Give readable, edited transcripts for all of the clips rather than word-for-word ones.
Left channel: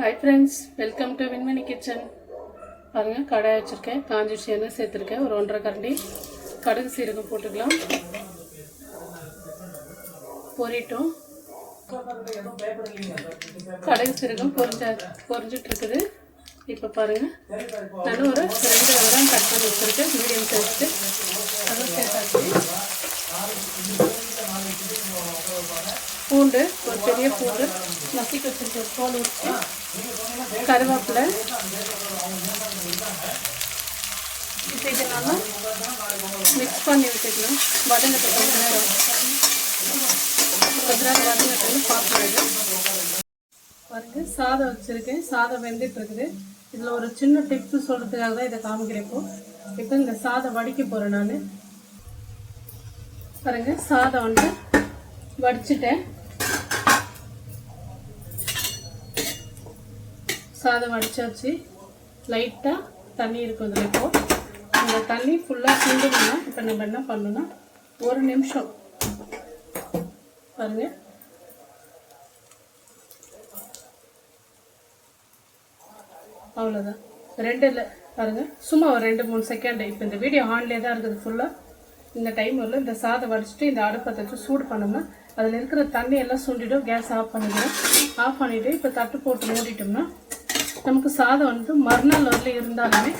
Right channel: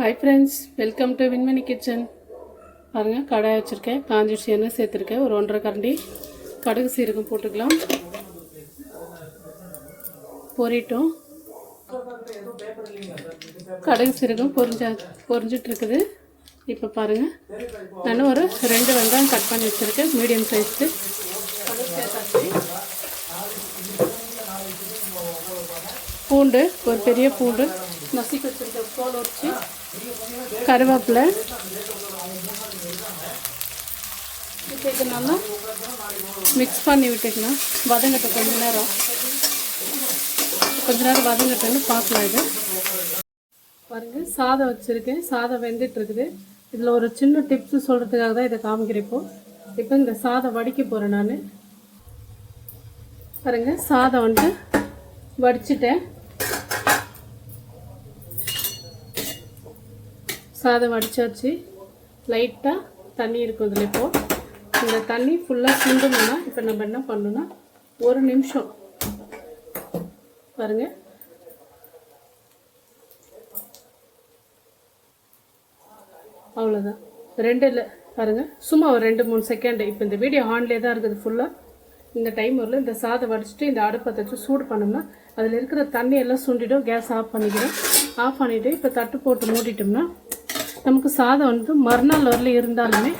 Hi friends, welcome to Vinmani Kitchen. பாருங்க கடாய் வச்சிருக்கேன். காஞ்சிச்சு எண்ணெய் சேர்த்துருக்கேன். ஒரு 1.5 கரண்டி கடுகு சீரகம் போட்டுக்கலாம். பொரிட்டோம். கடுகு சீரகம் பொரிஞ்சிட்டு இருக்குது. இப்போ பாருங்க நான் ஒரு 2 வெங்காயம் கட் பண்ணி வச்சிருக்கேன் மீடியம் சைஸ்க்கு. பூண்டு ஒரு பெரிய பூண்டு நசுக்கி வச்சிருக்கேன் தோல் உரிச்சு, கருவேப்பிலை. இப்போ இதை நல்லா மிக்ஸ் பண்ணி விட்டுக்கலாம். வதங்கட்ட கொஞ்ச நேரம் வதங்கட்டன்னு பார்க்கலாம். இது பாருங்க சாதம் வச்சுருக்கேன். சாதம் வெந்துட்டு இருக்குது. இதில் ஒரு சின்ன டிப்ஸ் சொல்கிறதுக்காக தான் இதை காமிக்கிறப்போ. இப்போ இந்த சாதம் வடிக்க போகிறேன் நான். பாருங்க சாதம் வந்து வடிச்சிட்டேன். சாதம் வடிச்சாச்சு. லைட்டாக தண்ணி இருக்கும் இதில். இப்போது இந்த தண்ணி ஃபுல்லாக சிந்தணும்னா இப்போ நம்ம என்ன பண்ணணும்னா 1 நிமிஷம் பாருங்க அவ்வளோதான். 2 இல்லை பாருங்க சும்மா ஒரு 2-3 செகண்ட். இப்போ இந்த வீடியோ ஆன்லேயே தான் இருக்குது ஃபுல்லாக. இந்த டைம் வரல இந்த சாதம் வடிச்சிட்டு இந்த அடுப்பை வச்சு சூடு பண்ணோம்னா அதில் இருக்கிற தண்ணி எல்லாம் சுண்டிடும். கேஸ் ஆஃப் பண்ணிக்கிறேன். ஆஃப் பண்ணிவிட்டு இப்போ தட்டு போட்டு மூடிட்டோம்னா நமக்கு சாதம் வந்து மறுநாள் வரல இருந்தாலுமே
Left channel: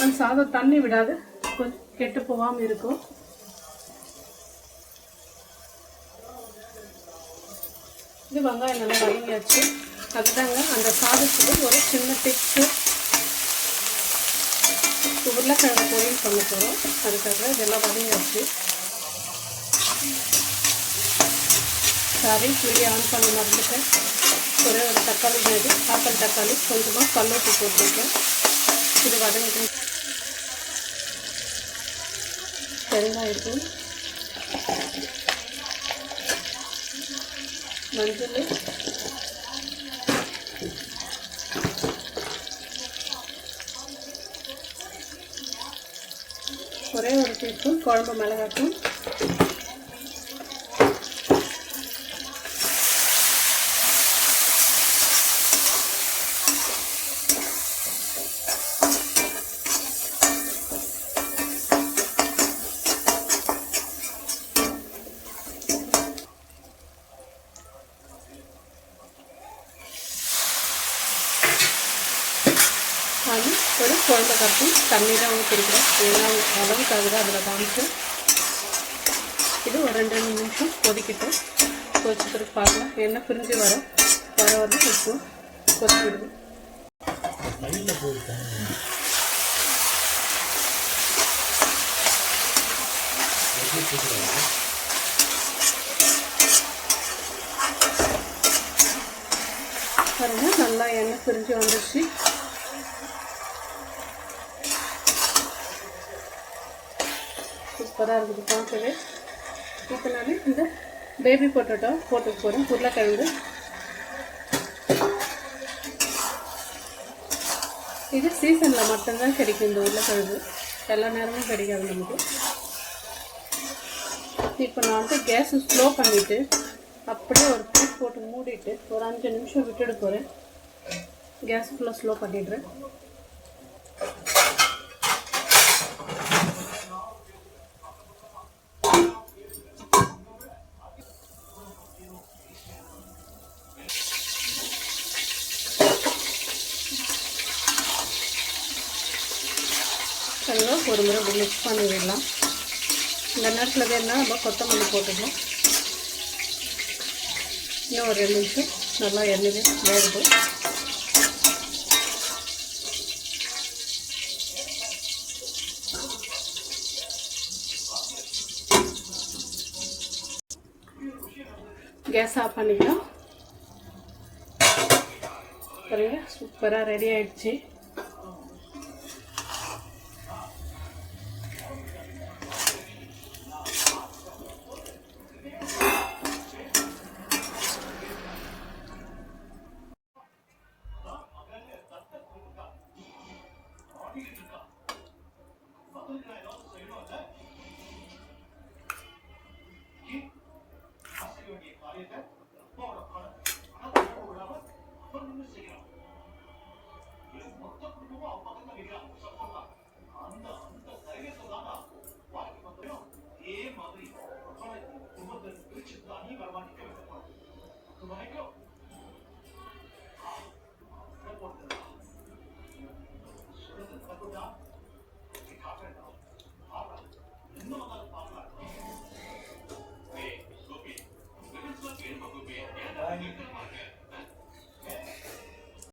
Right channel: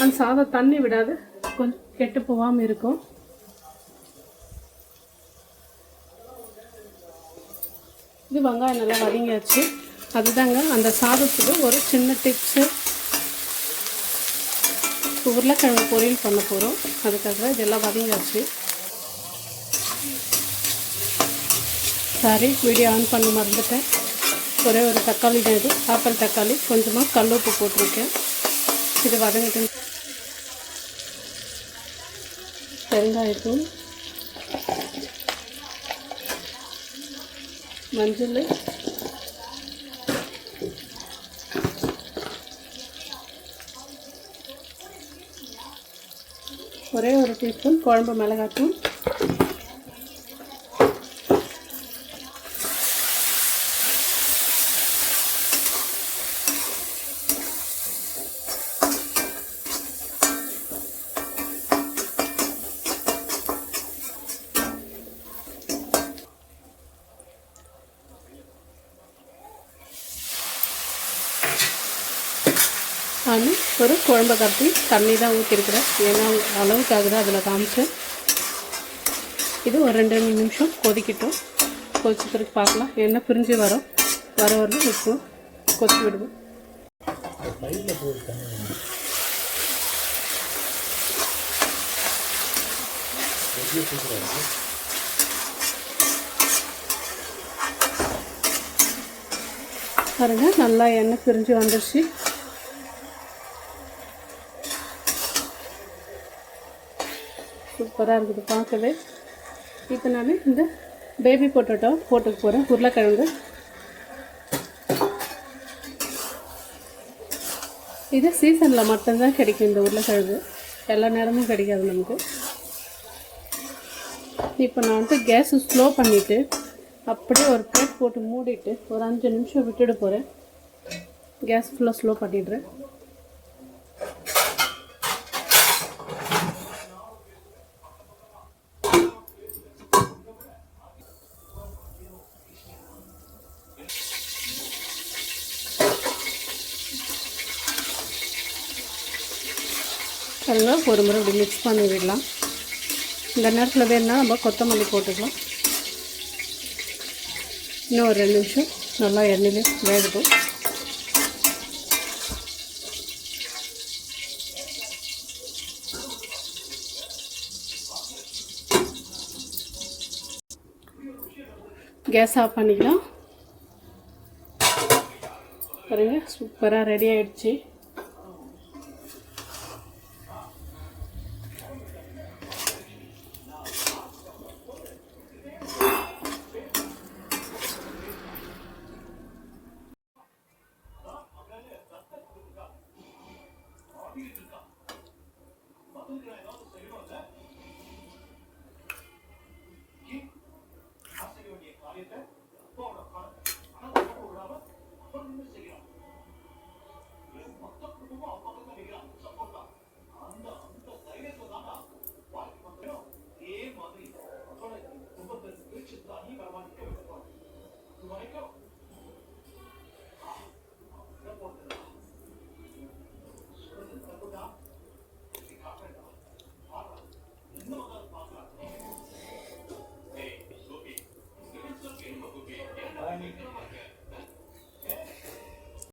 அந்த சாதம் தண்ணி விடாது, கொஞ்சம் கெட்டு போகாமல் இருக்கும். இது வெங்காயம் நல்லா வதங்கியாச்சு. அதுதாங்க அந்த சாதத்துக்கு ஒரு சின்ன டிப்ஸு. உருளைக்கிழங்கு பொரியல் பண்ண போகிறோம். அதுக்காக இதெல்லாம் வதங்கியாச்சு. சாரி வீடியோ ஆன் பண்ண மறந்துட்டேன். ஒரே ஒரு தக்காளி இது ஆப்பிள் தக்காளி கொஞ்சமாக கல்லுப்பு போட்டிருக்கேன். இது வதங்கிட்டு வெங்காயத்தூள், மஞ்சள், ஒரே ஒரு டீஸ்பூன் குழம்பு மிளகாய்த்தூள், நான் ஒரு குழம்பு கட்டி தண்ணி தான் ஊற்றிருக்கிறேன். ஏன்னா அளவுக்காக தான் அதில் காமிச்சேன். இது ஒரு 2 நிமிஷம் கொதிக்கிட்டோம். கொதிச்சுக்கிறதுக்கு பார்க்கலாம். எண்ணெய் பிரிஞ்சு வர உப்பு கொதிச்சு விடுவோம். பாருங்க நல்லா எண்ணெய் பிரிஞ்சு வந்துடுச்சு. சூப்பராக இருக்குது பார்க்கவே. இப்போ நான் இந்த பேபி பொட்டேட்டோ போட்டுக்க போகிறேன். உருளைக்கிழங்கு இது சீசனில் மட்டும்தான் கிடைக்கும். இந்த உருளைக்கிழங்கு எல்லா நேரமும் கிடைக்காது நமக்கு. இப்போ நான் வந்து கேஸு ஸ்லோ பண்ணிவிட்டு அப்படியே ஒரு பிளேட் போட்டு மூடிட்டு ஒரு 5 நிமிஷம் விட்டுட போகிறேன். கேஸ் ஃபுல்லாக ஸ்லோ பண்ணிடுறேன். சரிங்களா, ஒரு முறை இப்படி மிக்ஸ் பண்ணி விடலாம். இந்த நேரத்தில் வேணுன்னா நம்ம கொத்தமல்லி போட்டுக்கலாம். இன்னும் ஒரு 2 நிமிஷம் நல்லா எண்ணெய் வேகட்டும். கேஸ் ஆஃப் பண்ணிக்கலாம். பாருங்க சூப்பராக ரெடி ஆகிடுச்சு. Gracias.